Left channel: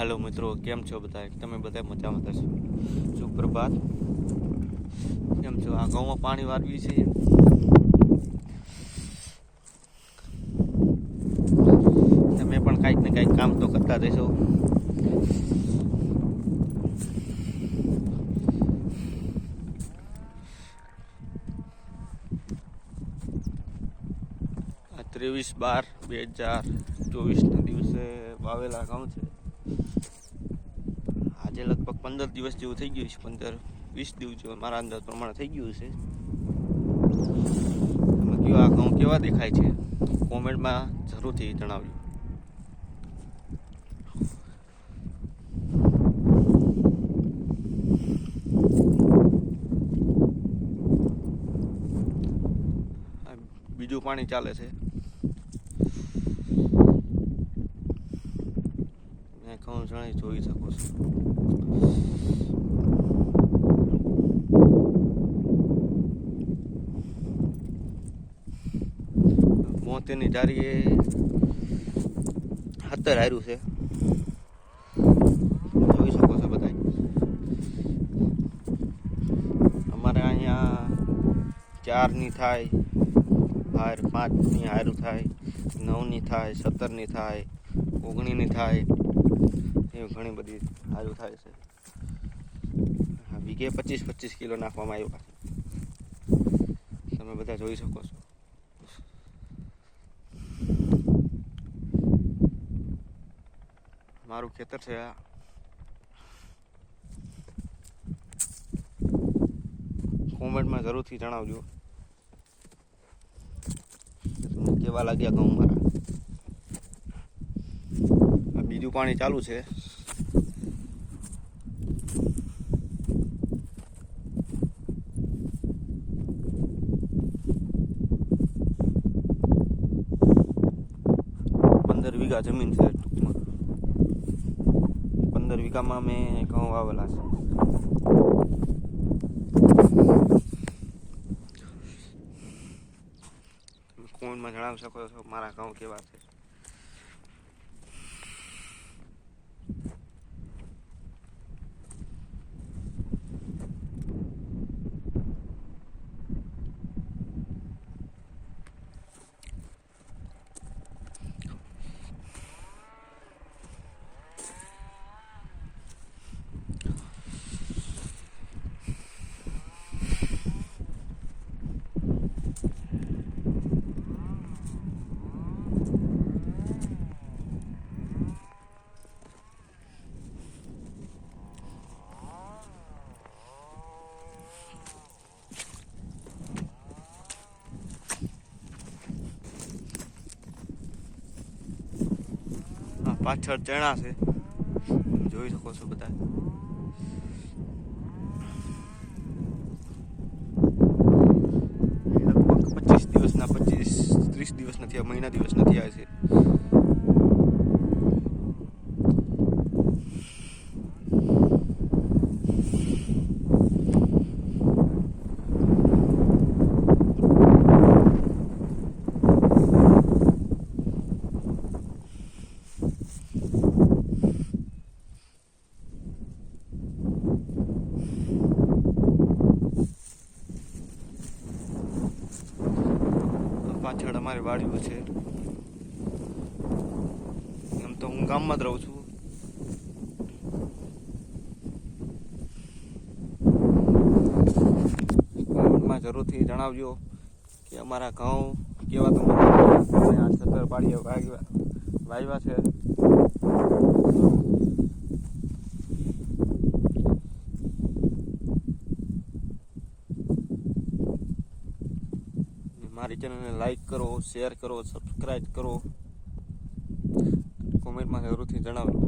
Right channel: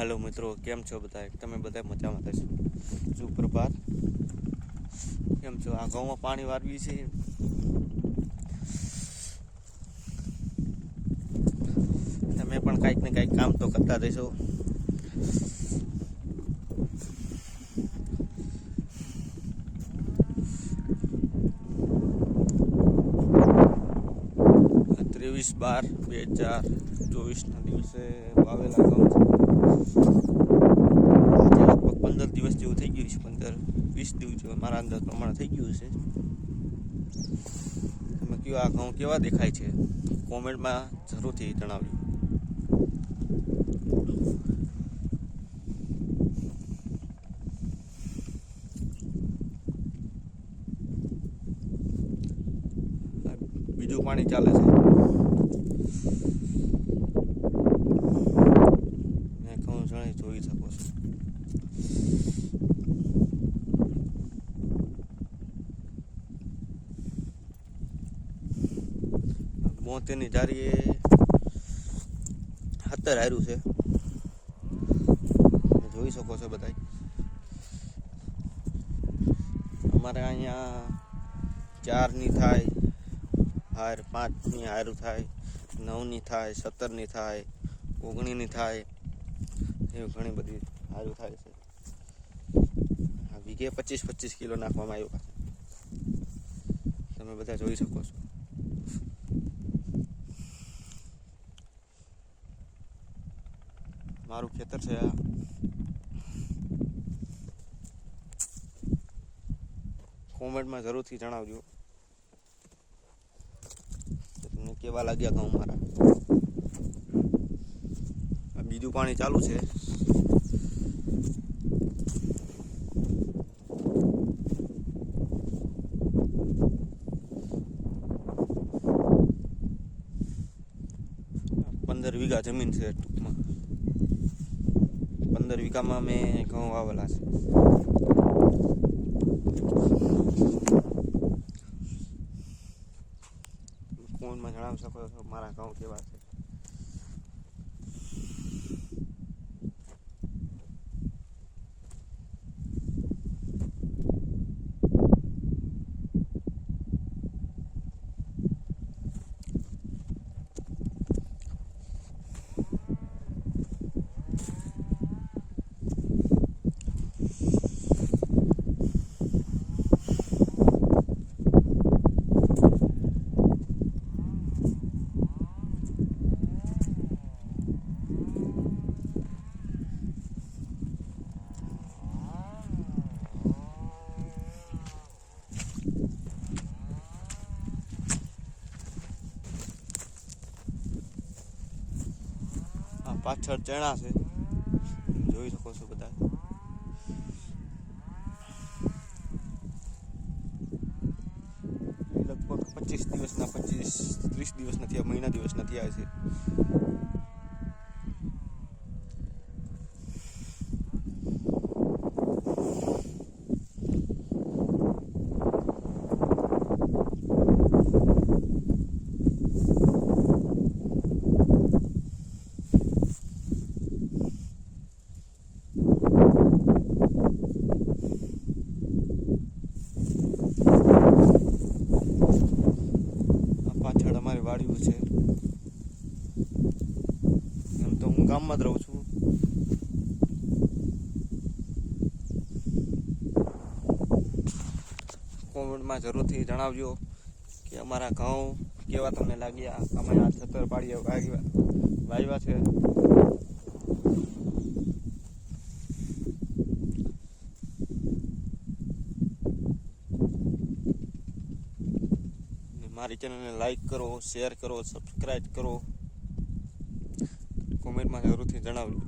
હાલો મિત્રો, કેમ છો બધા? તમે બધા મજામાં થશો? સુપ્રભાત. કેમ છો? આ ઘઉંમાં પાણી વાળવી છે. તમે પણ કાંઈક ને કાંઈક કામ તો કરતા રહેશો. આ 23/12/2024 દિવસે વાવેલા ઘઉં છે. આજે લગભગ 15 દિવસ જેવું થઈ ગયું છે. 15-20 દિવસ જેવું મારા અંદાજ પ્રમાણે થઈ ગયું છે. તમે કયો આ ઘઉં કેવા દેખાય છે? કોમેન્ટમાં જરૂરથી જણાવજો. બીજું પાણી ચાલે છે. ઘઉં જણાય જોઈ શકો છો. મોતીની જારીએ 17 હાર્યું છે. જોઈ શકો છો બધા. અમારે અહીંયા 4ની થાય, 5ની હારું થાય, 9ની થાય, 17ની થાય, 19ની થાય, એવી ઘણી બધી હારું થાય છે. વીઘે 25-25 કિલો નાખવામાં આવ્યું. તમે બધા જોઈ શકો છો. મારું ખેતર છે આ. કોમેન્ટમાં જરૂરથી જણાવજો તમને કેવા લાગ્યા ઘઉં મારા. બીજું પાણી ચાલુ છે. પંદર વીઘા જમીન છે. 15 વીઘામાં મેં ઘઉં વાવેલા છે. કોમેન્ટમાં જણાવી શકો છો મારા ઘઉં કેવા છે. પાછળ ચણા છે, જોઈ શકો છો બધા. લગભગ 25 દિવસના 30 દિવસ નથી, મહિના દિવસ નથી આવે છે. પાછળ અમારી વાડીઓ છે. એમ તો હું ગામમાં જ રહું છું. કોમેન્ટમાં જરૂરથી જણાવજો કે અમારા ઘઉં કેવા તમને લાગ્યા. 17 પાડીઓ વાવ્યા છે. મારી ચેનલને લાઈક કરો, શેર કરો, સબસ્ક્રાઈબ કરો. કોમેન્ટમાં જરૂરથી જણાવજો.